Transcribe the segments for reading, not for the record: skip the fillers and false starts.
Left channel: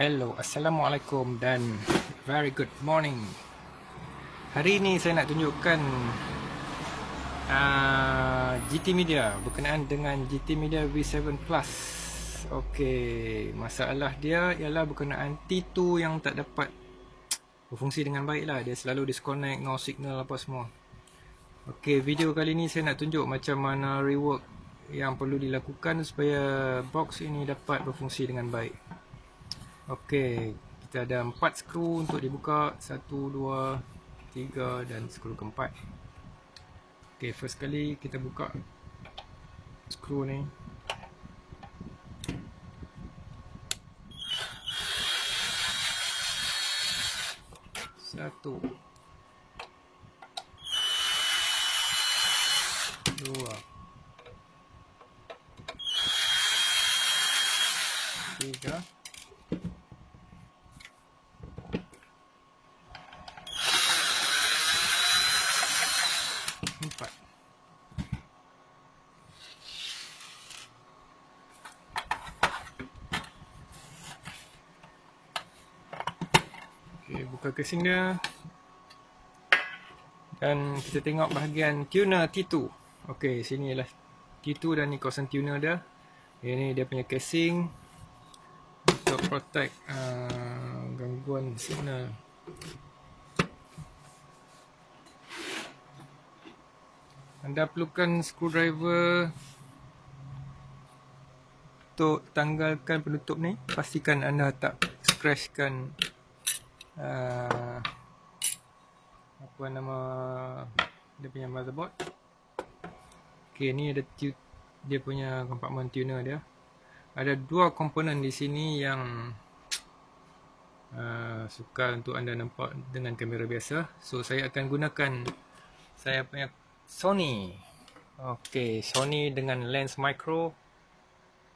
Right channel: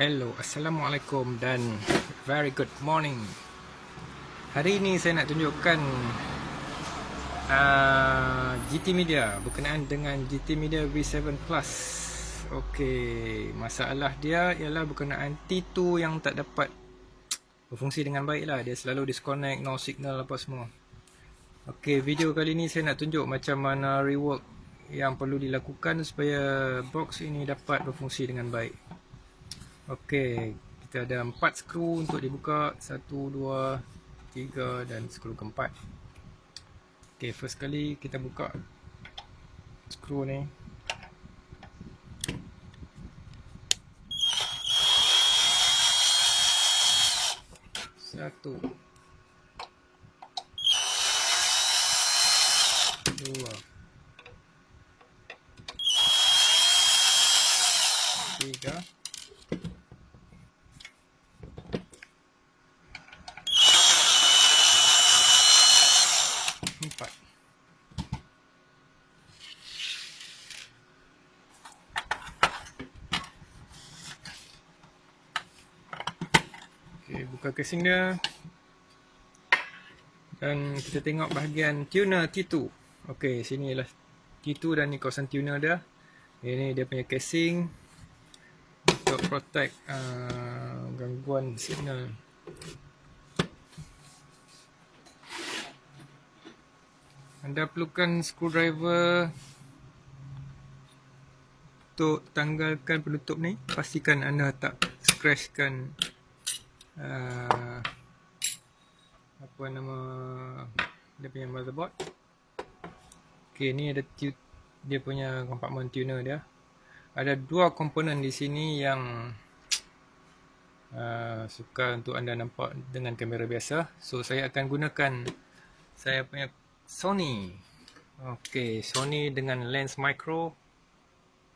Hello, Assalamualaikum dan very good morning. Hari ini saya nak tunjukkan GT Media berkenaan dengan GT Media V7 Plus. Okey, masalah dia ialah berkenaan T2 yang tak dapat berfungsi dengan baik lah. Dia selalu disconnect, no signal apa semua. Okey, video kali ni saya nak tunjuk macam mana rework yang perlu dilakukan supaya box ini dapat berfungsi dengan baik. Okey, kita ada 4 skru untuk dibuka, 1, 2, 3 dan skru keempat. Okey, first kali kita buka skru ni. Satu, dua, tiga, empat. Okey, buka casing dia. Dan kita tengok bahagian tuner T2. Okey, sini ialah T2 dan ni kawasan tuner dia. Ini dia punya casing untuk protect gangguan signal. Anda perlukan screwdriver untuk tanggalkan penutup ni. Pastikan anda tak scratchkan apa nama dia punya motherboard. Okey, ni ada dia punya kompartmen tuner dia. Ada dua komponen di sini yang sukar untuk anda nampak dengan kamera biasa. So saya akan gunakan saya punya Sony. Okey, Sony dengan lens micro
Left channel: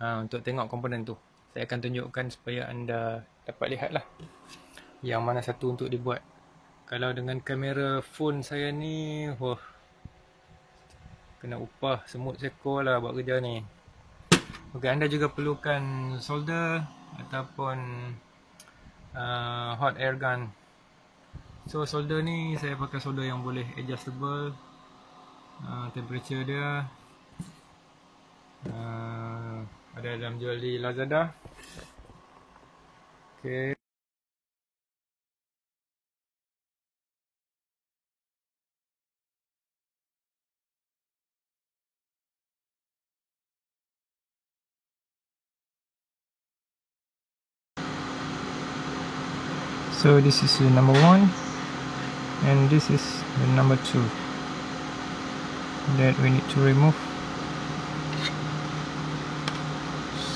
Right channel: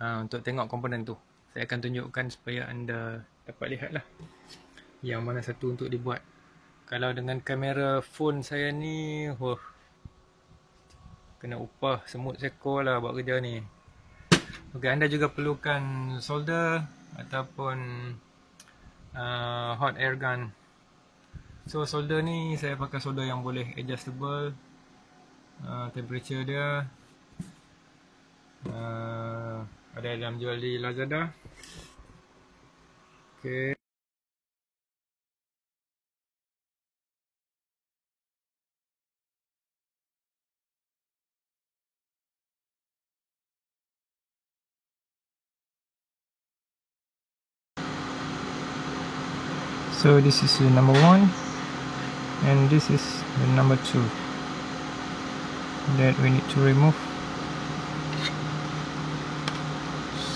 untuk tengok komponen tu. Saya akan tunjukkan supaya anda dapat lihat lah yang mana satu untuk dibuat. Kalau dengan kamera phone saya ni, kena upah semut sekor lah buat kerja ni. Okey, anda juga perlukan solder ataupun hot air gun. So solder ni saya pakai solder yang boleh adjustable. Temperature dia ada dalam jual di Lazada. Okay. So this is the number 1 and this is the number 2 that we need to remove.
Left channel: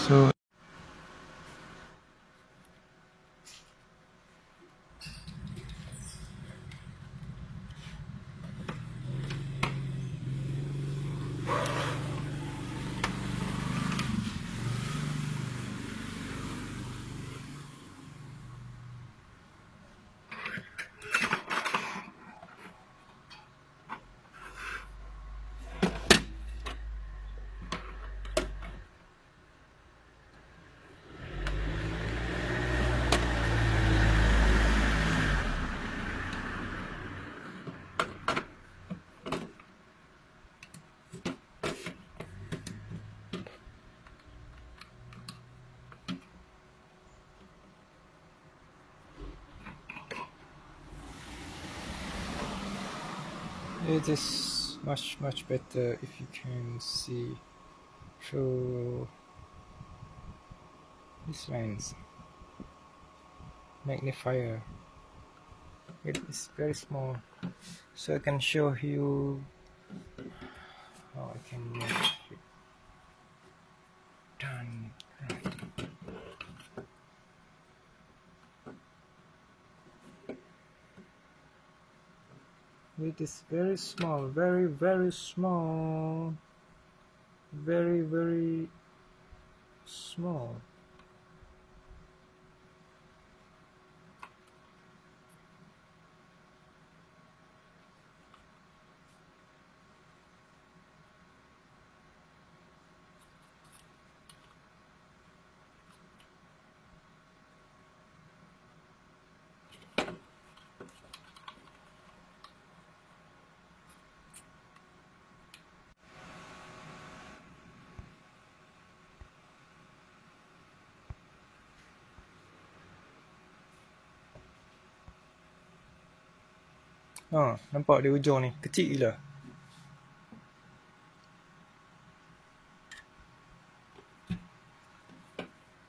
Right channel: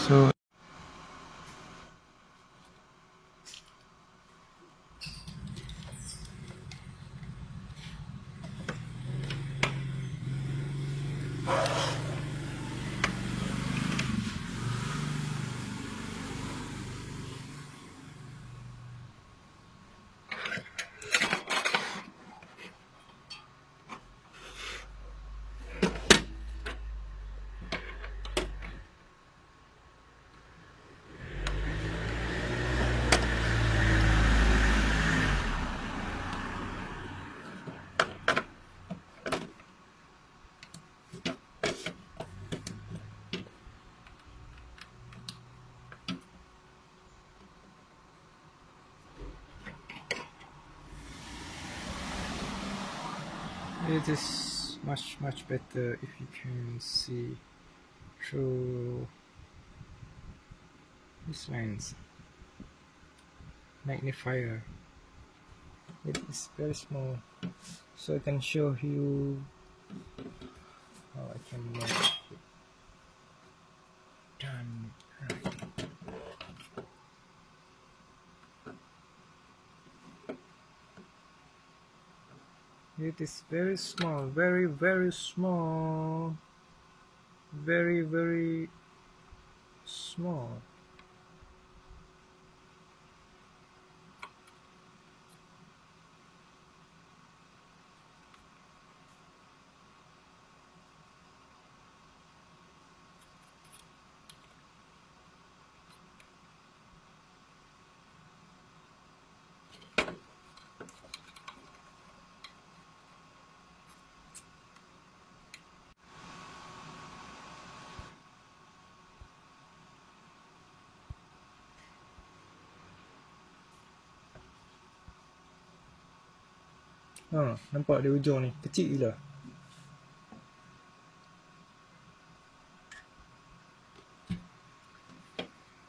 So it is much better if you can see through this lens magnifier. It is very small, so I can show you how I can make it done. It is very small, very small, very small. Nampak di ujung ni, kecil gila.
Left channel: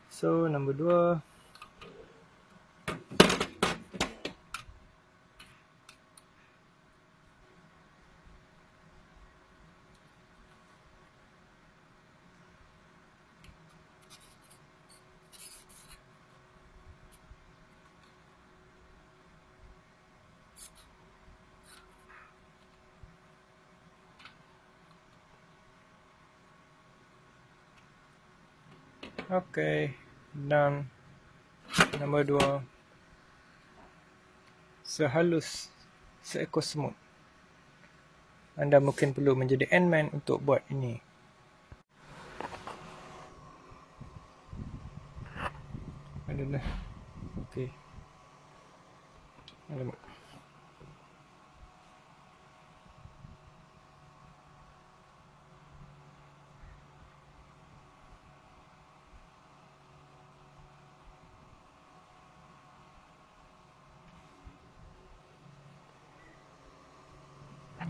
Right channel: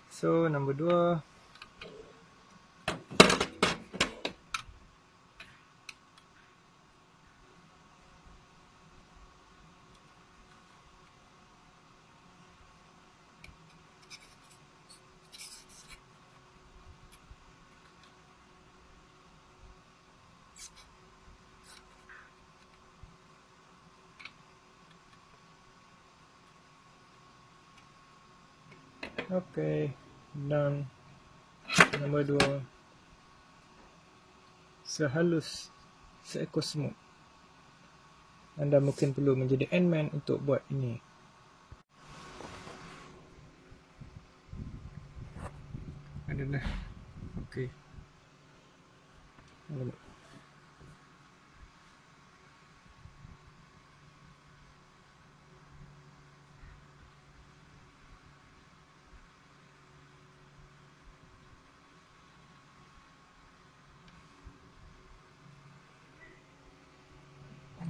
So, nombor 2. Okey, dan nombor 2, sehalus seekor semut. Anda mungkin perlu menjadi Ant-Man untuk buat ini. Adalah okey. Alamak.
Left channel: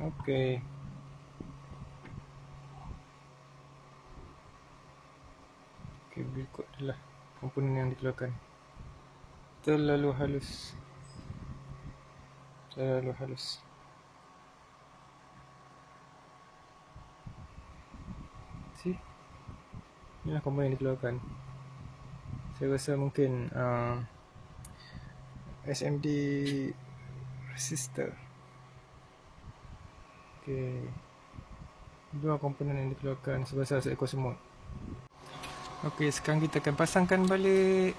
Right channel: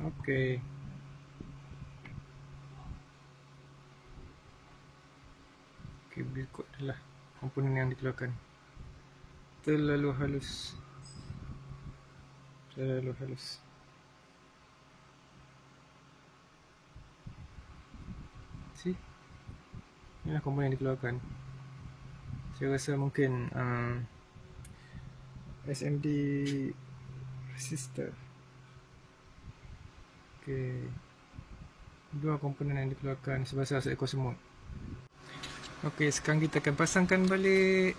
Okey. Okey, berikut adalah komponen yang dikeluarkan. Terlalu halus. See? Inilah komponen yang dikeluarkan. Saya rasa mungkin SMD resistor. Okey. 2 komponen yang dikeluarkan sebesar seekor semut. Okey, sekarang kita akan pasangkan balik.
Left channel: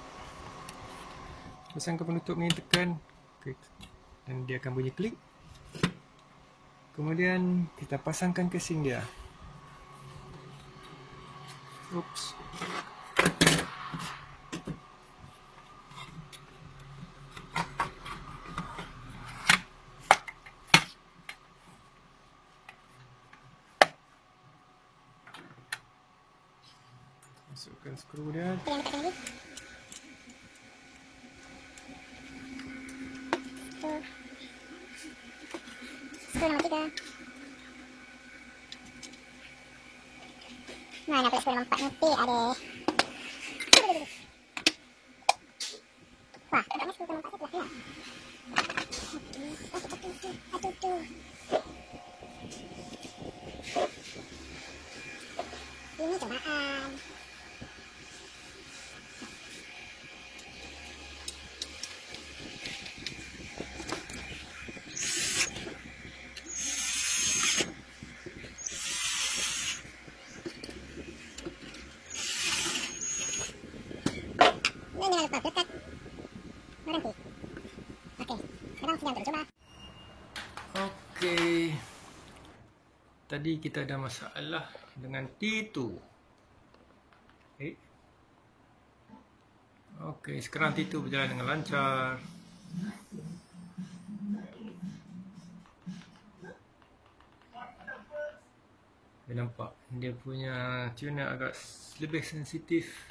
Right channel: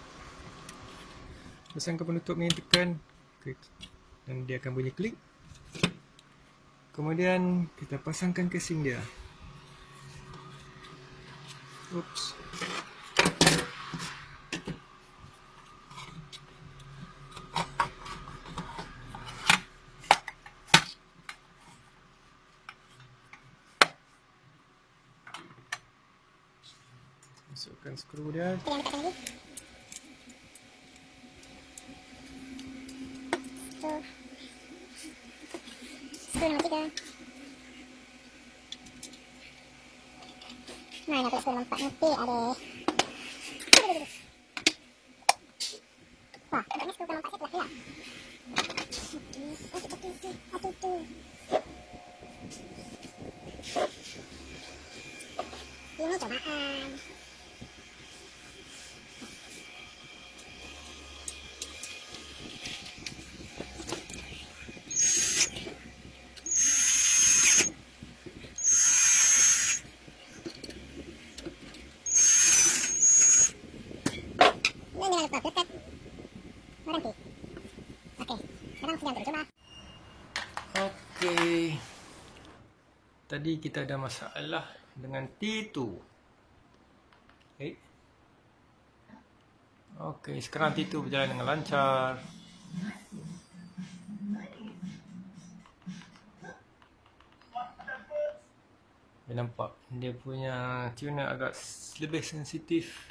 Pasangkan penutup ni, tekan. Okey. Dan dia akan bunyi klik. Kemudian kita pasangkan casing dia. Oops. Masukkan skru dia. Skru nombor 3. Mana pula skru nombor 4 nanti ada. Wah, tampaknya skru nombor 4 saya telah hilang. Satu. Ini cobaan. Jangan lupa dekat berhenti. Okey, sekarang sedang tercoba. Okey. Tadi kita ada masalah dengan T2. Okey, sekarang T2 berjalan dengan lancar. Dia nampak dia punya tuner agak lebih sensitif.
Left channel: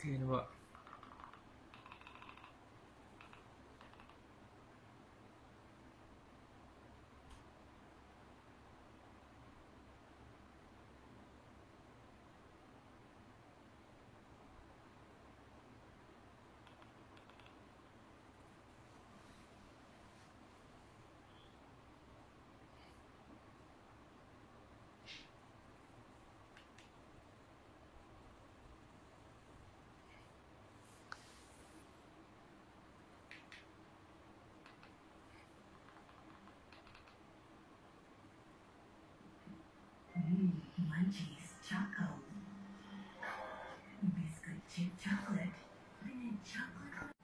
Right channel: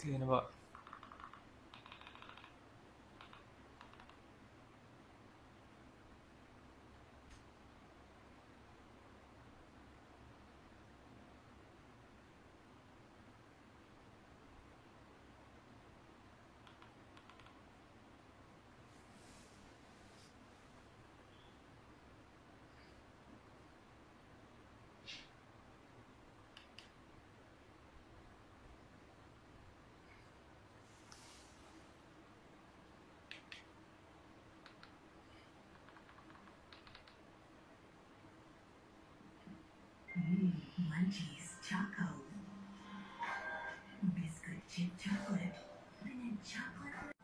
Okey, nampak. Munchies Choco. Biscuit chip chocolate dengan chocolate.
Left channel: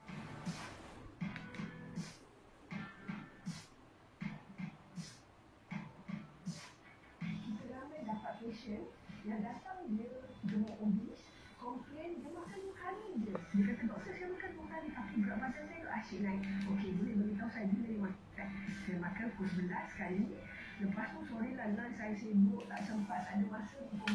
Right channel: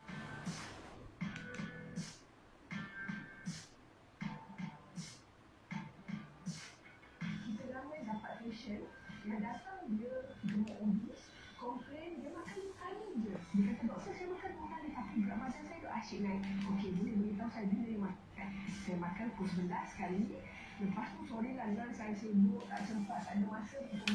Kita ramai dapat patient yang datang dia gemuk obes, komplain dia makan 2 kali je. Dia kata, doktor saya makan 2 kali tapi berat badan saya asyik naik. Okey, boleh beritahu saya bila dia makan? Saya makan pukul 11 sekali. Lepas tu sore lah lunch saya sibuk, tak sempat, tak ada masa pukul